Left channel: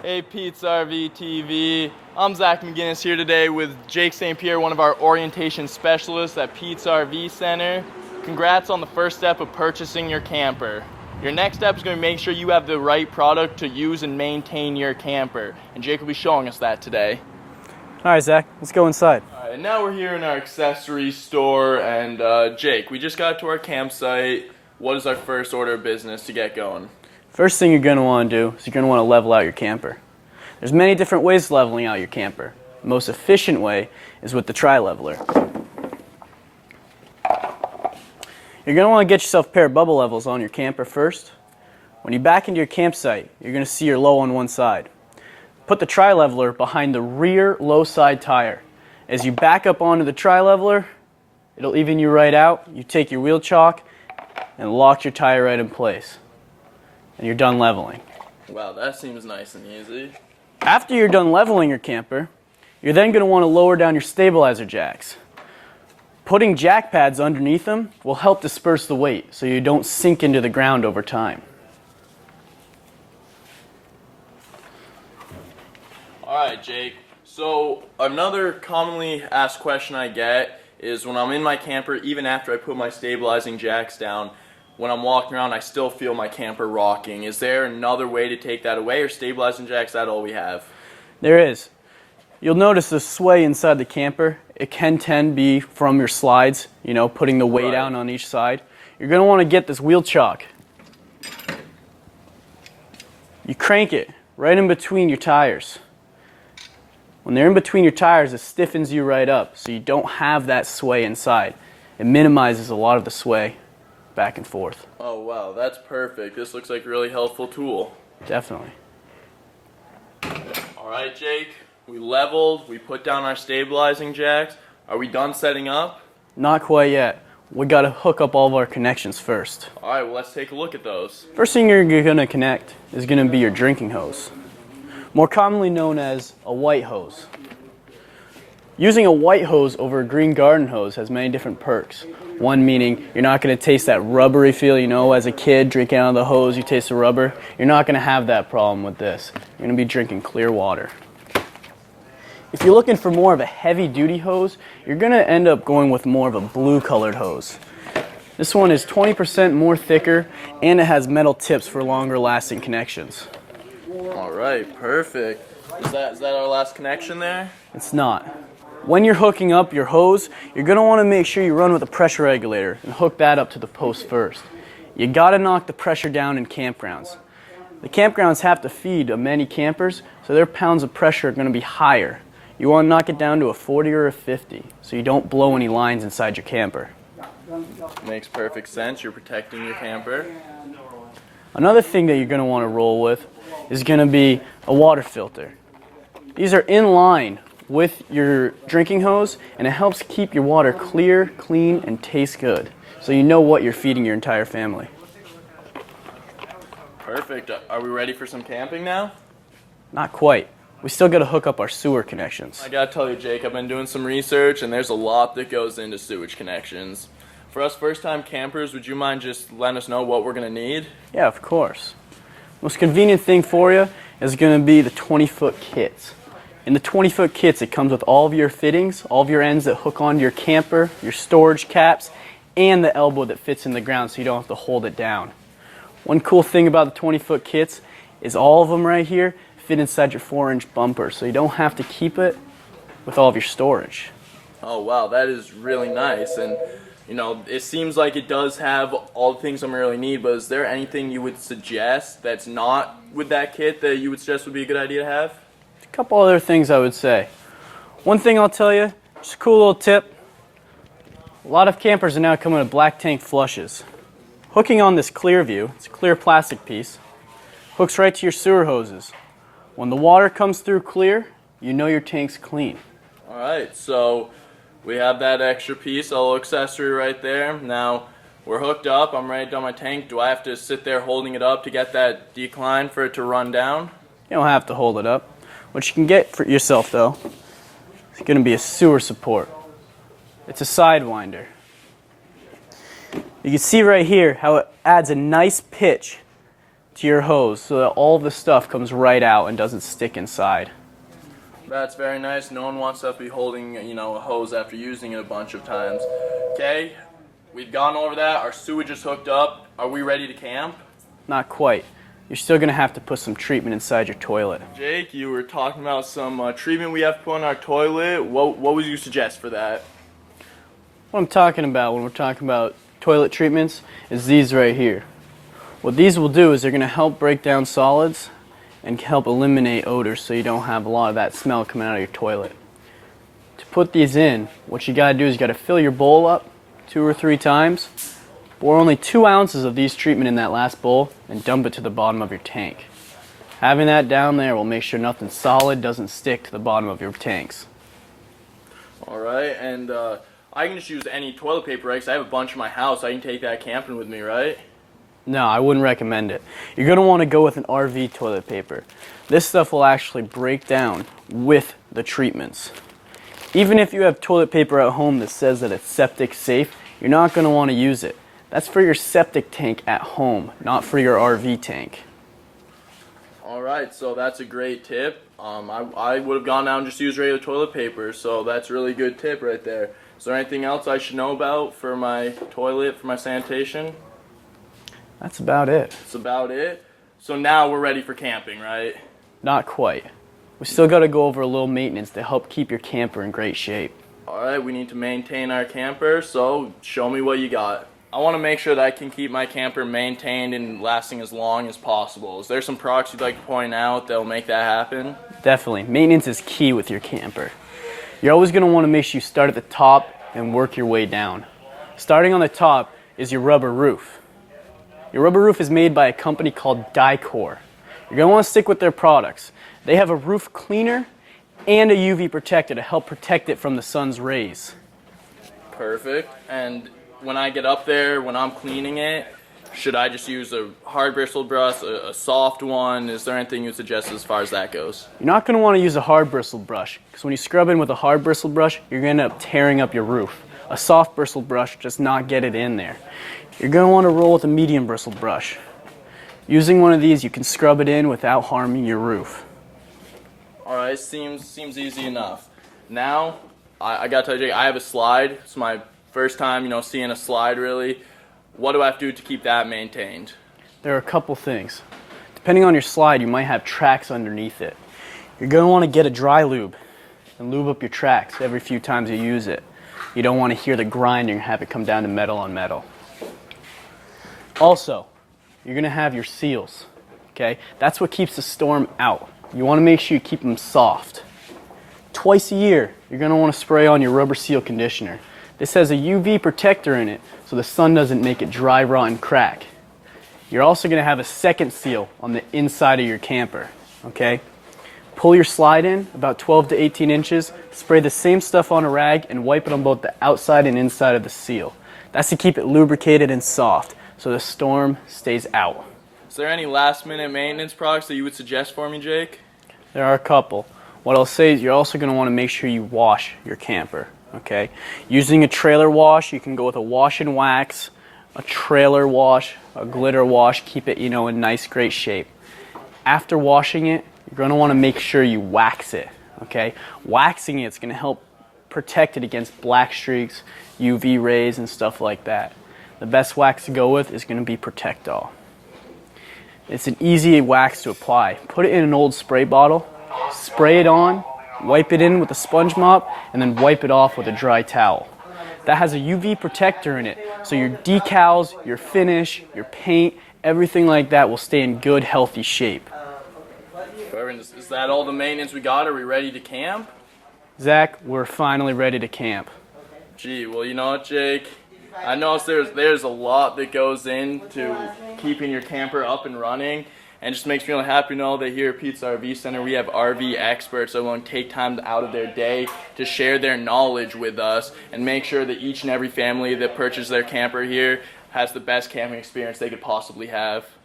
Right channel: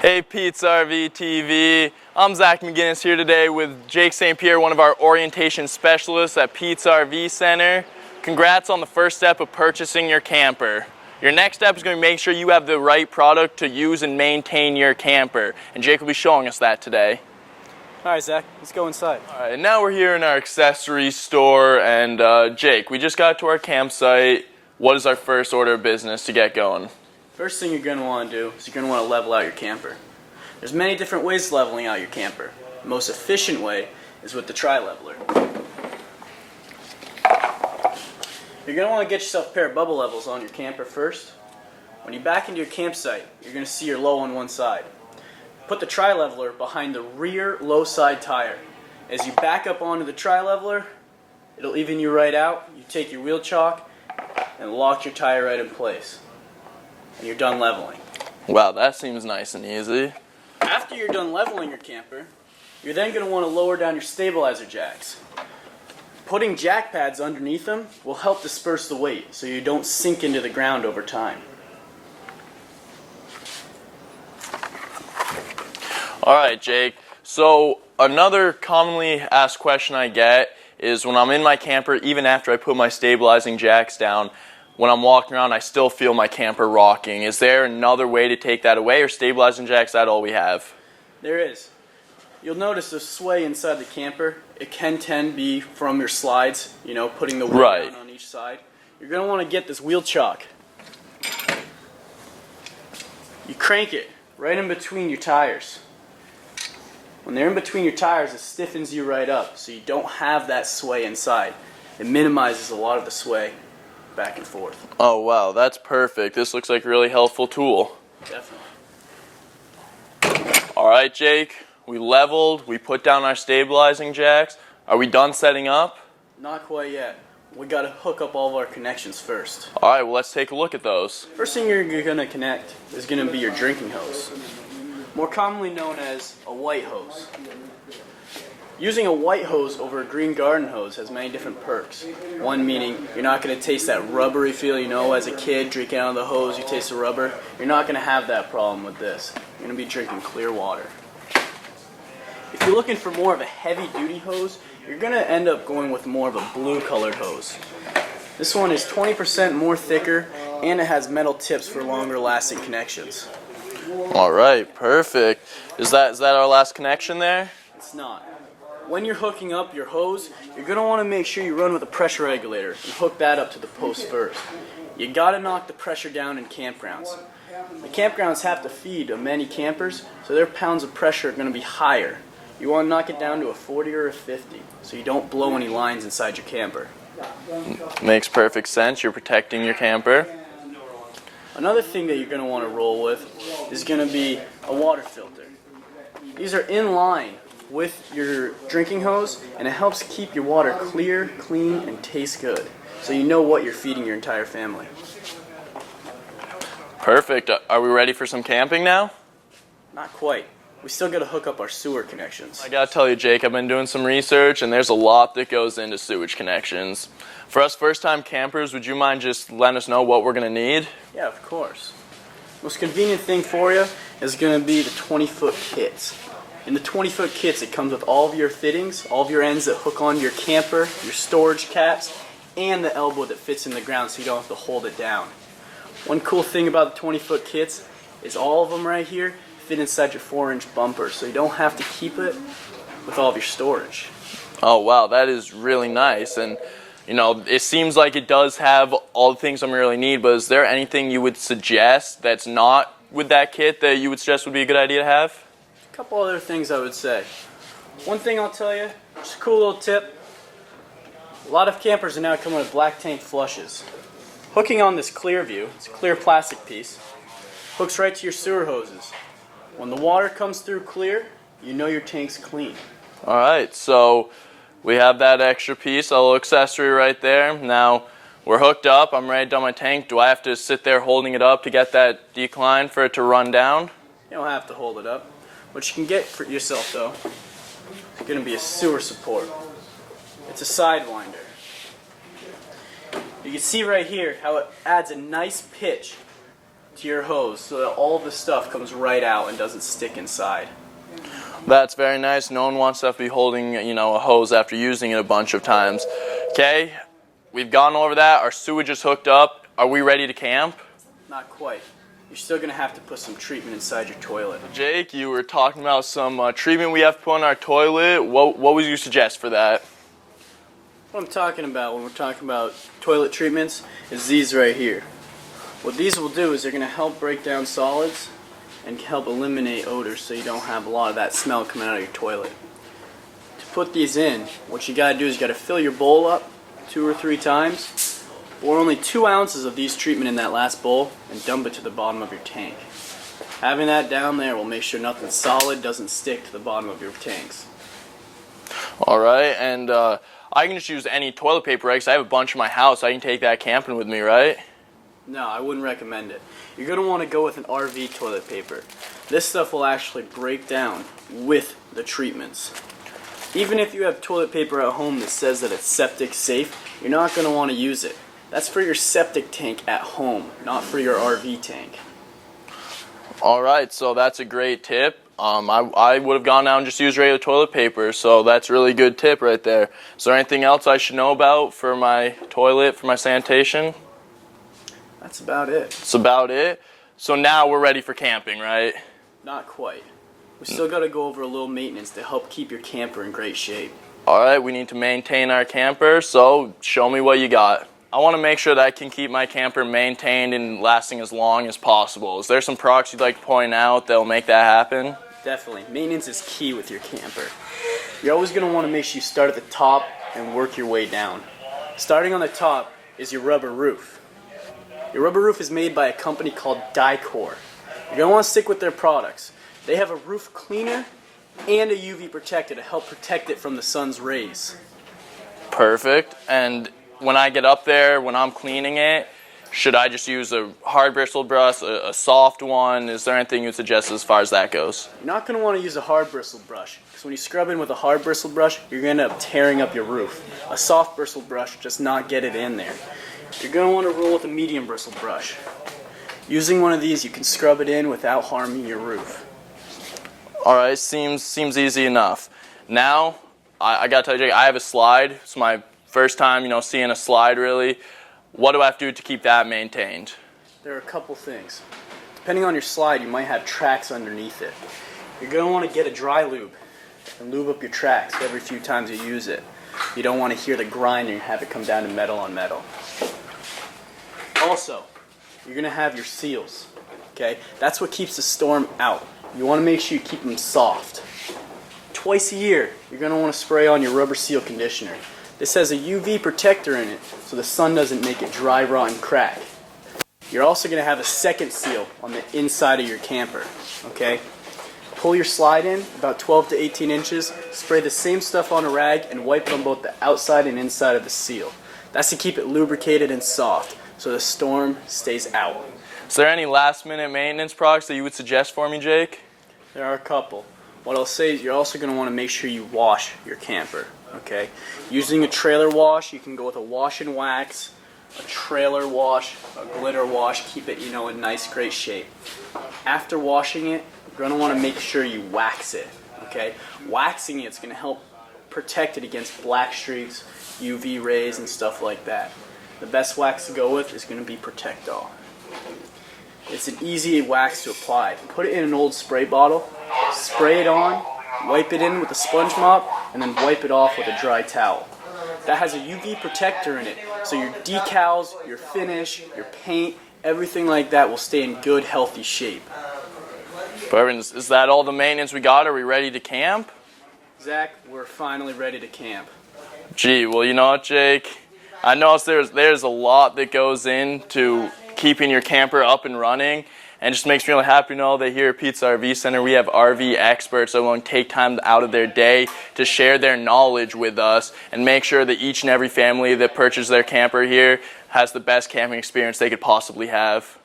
Hey Pete's RV TV, I'm Zach McGinnis here today with Jake St. Pierre, one of our orientation specialists at Pete's RV Center. Congrats on the first step of purchasing your camper. Your next step is going to make sure you have the right product to use and maintain your camper, and Jake will be showing us that today. All right, Zach, let's go inside. All right, now we're here in our accessory store, and Jake, we just got to our campsite. What is our first order of business to get going? First thing you're going to want to do is you're going to want to level out your camper. There's many different ways of leveling out your camper. The most efficient way is with the tri-leveler. You're going to want to get yourself a pair of bubble levels on your camper first. When you back into your campsite, you're going to see you're low on one side. Put the tri-leveler behind the rear low side tire. As you back up onto the tri-leveler, it'll even you right out. You take your wheel chock and lock your tire right in place. And you're done leveling. Wow, that seems nice and easy. After you're done leveling your camper, you're then going to want to lower down your stabilizer jacks. Putting jack pads underneath them will help disperse the weight so you don't sink into the ground over time. Alright, Jake, so another commonly asked question I get is when I'm in my camper, even after I put my stabilizing jacks down, when I'm walking around, I still feel my camper rocking. Is there another way to take that away, or stabilizing jacks, that all we have? There is. You'll notice the sway inside the camper. It can tend to be from your slides, putting the weight down on each side. You're going to want to get this wheel chock. You crank it right in between your tires. When they're in between your tires, it stiffens you right up, so you don't have that sway inside. It minimizes a lot of the sway back and forth. Oh wow, that's perfect. This looks like a really helpful tool. Definitely. Alright, Jake, we leveled, we put down our stabilizing jacks. Are we done setting up? Not quite yet. We got to hook up all of our connections first. Alright, well let's take a look at those. First thing you're going to connect is going to be your drinking hose, more commonly known as a white hose. Using a white hose over a green garden hose has many different perks. One meaning you're not going to taste that rubbery feel, as a kid drinking out of the hose, you taste the rubber. You're not going to have that problem with this. You're going to be drinking clear water. If you're looking for more of a heavy duty hose, you're going to end up going with more of a blue colored hose. This one is 20% more thicker and it has metal tips for longer lasting connections. Alright, perfect. Is that our last connection there? It's not. When you're hooking up your hose, you're going to want to make sure you run with a pressure regulator and hook that up to the post first. You got to knock the pressure down in campgrounds. The campgrounds have to feed many campers, so their pounds of pressure are going to be higher. You want to knock it down to a 40 or a 50 so you don't blow any lines inside your camper. Makes perfect sense. You're protecting your camper. Another thing that you're going to want to roll with is going to be a water filter. These are in line with your drinking hose, and it helps keep your water clear, clean, and taste good, so you know what you're feeding your entire family. Perfect. Are we ready for some camping now? Not quite. We still got to hook up our sewer connections. I gotta tell you, Jake, I've been doing some research, and there's a lot that goes into sewage connections. For us first-time campers, would you mind just letting us know what we're gonna need? Yeah, of course. Most convenient thing for you is going to be the 20-foot kits. In the 20-foot kits, it comes with all of your fittings, all of your ends that hook onto your camper, your storage caps, and the elbow that fits in the ground so you don't have to hold it down. One cool thing about the 20-foot kits is all of them right here fit inside your 4-inch bumper, so you don't have to keep it with all of your storage. Oh wow, that is really nice. And it seems like it does have all the things I'm really need, but is there anything you would suggest that's not with that kit that you would suggest would be a good idea to have? A couple other things I would say. One thing I'll tell you, just a cool little tip. A lot of campers are now coming with black tank flushes. Hooking on this clear view, it's a clear plastic piece, hooks right to your sewer hoses. When the water comes through clear, you know your tank's clean. Alright, so we have that extra piece, a little accessory right there. Now, we're hooked up, I'm ready to dump my tank. Do I have to sit there holding it up to get that decline for it to run down? You don't have to hold it up. What you can get for yourself, though, is going to be a sewer support. It's a sidewinder. You can see right here how it adds a nice pitch to your hose so that all the stuff comes right out and doesn't stick inside. That's very nice. No one wants to have to be holding, a hose after using it a bunch of times. Okay, we've gone over that. Our sewage is hooked up. Are we ready to camp? Not quite. You're still going to have to put some treatment inside your toilet. Jake, you were talking about some treatment we have to put in our toilet. What would you suggest for that? What I'm talking about when we're talking about toilet treatments is these right here. What these will do is they're going to help break down solids and help eliminate odors so you don't have a lot of that smell coming out of your toilet. To put these in, what you got to do is you got to fill your bowl up 2 or 3 times. Pour only 2 ounces of these treatment in that last bowl and dump it to the bottom of your tank. Having that down there will make sure nothing solid doesn't stick to the bottom of your tanks. All right, and I can just use any toilet paper, right? 'Cause I have a bunch in my house. I can take that camping with me, right? No, I wouldn't recommend it. You're going to want to go with an RV toilet paper. This stuff will actually break down with the treatments. Even if you have toilet paper at home that says that it's septic safe, you're not going to want to use it. That's for your septic tank at home, not for your RV tank. All right, so that's a great tip. I would have gone out and just used regular toilet paper, so that's a really good tip right there. Is there anything else I should know about for my toilet, for my sanitation? That's about it. That's about it. So now we're ready for camping, right? Not quite. We still got to go over a little maintenance to help keep your camper in great shape. All right, we need to maintain our camper, so show me what you got. I want to make sure that I can keep my camper maintained and lasting as long as possible. Is there some products you'd like to point out that will make that happen? Definitely. Maintenance is key with your camper. You're always going to want to make sure you start at the top and work your way down. Starting on the top is your rubber roof. Your rubber roof is made by a company called Dicor. You're going to want to stick with their products. They have a roof cleaner and a UV protector to help protect it from the sun's rays. Perfect. And when I get up there, when I'm cleaning it, should I just use a hard bristle brush, a soft one? Is there anything you would suggest as far as that goes? You're not going to want to use a hard bristle brush because when you scrub in with a hard bristle brush, you're going to end up tearing up your roof. A soft bristle brush does not get it in there. You're going to want to roll with a medium bristle brush. Using one of these, you can scrub it in without harming your roof. All right, seems easy enough. Now, I got to tell you, Jake, I have a slide. It's my first time, seeing a slide really. What do I have to do to keep that maintained? There are a couple things. Depending on your slide, you might have tracks underneath it. You're going to want to get a dry lube and lube up your tracks every few times you use it. You don't want to hear the grinding and have it come down to metal on metal. Also, you're going to have your seals, okay? That's what keeps the storm out. You want to make sure you keep them soft. Twice a year, you're going to want to spray on your rubber seal conditioner. This has a UV protector in it, so the sun doesn't make it dry, rot, and crack. You're also going to have a second seal on the inside of your camper, okay? Pull your slide in about 12 to 18 inches, spray the same stuff on a rag, and wipe it on both the outside and inside of the seal. That's to keep it lubricated and soft, so the storm stays out. Is there any last-minute maintenance products that you would suggest for me, Jake? There are a couple. What I'll say is you're also going to want to make sure you wash your camper, okay? Using a trailer wash, you can go with a wash and wax, a trailer wash, a glitter wash, keep it, in nice, great shape. After washing it, you're going to want to make sure you wax it, okay? Waxing it's going to help protect it against black streaks, UV rays, and stuff like that. The best wax to go with is going to be Protectol. It's an easy wax to apply. Put it in an old spray bottle, spray it on, wipe it in with a sponge mop, and then wipe it off with a dry towel. That has a UV protector in it, so your decals, your finish, your paint, everything like that will stay in good, healthy shape. Perfect. Is that all the maintenance we got? Are we ready to camp? Zach, we're finally ready to camp. Gee, well, you know what, Jake? I noticed there's a lot that goes into keeping your camper up and running, and it just makes me really happy to know that here at Pete's RV Center we have RV experts that want to take time out of their day to share their knowledge with us and make sure that each and every family that purchases their camper here has the best camping experience they could possibly have.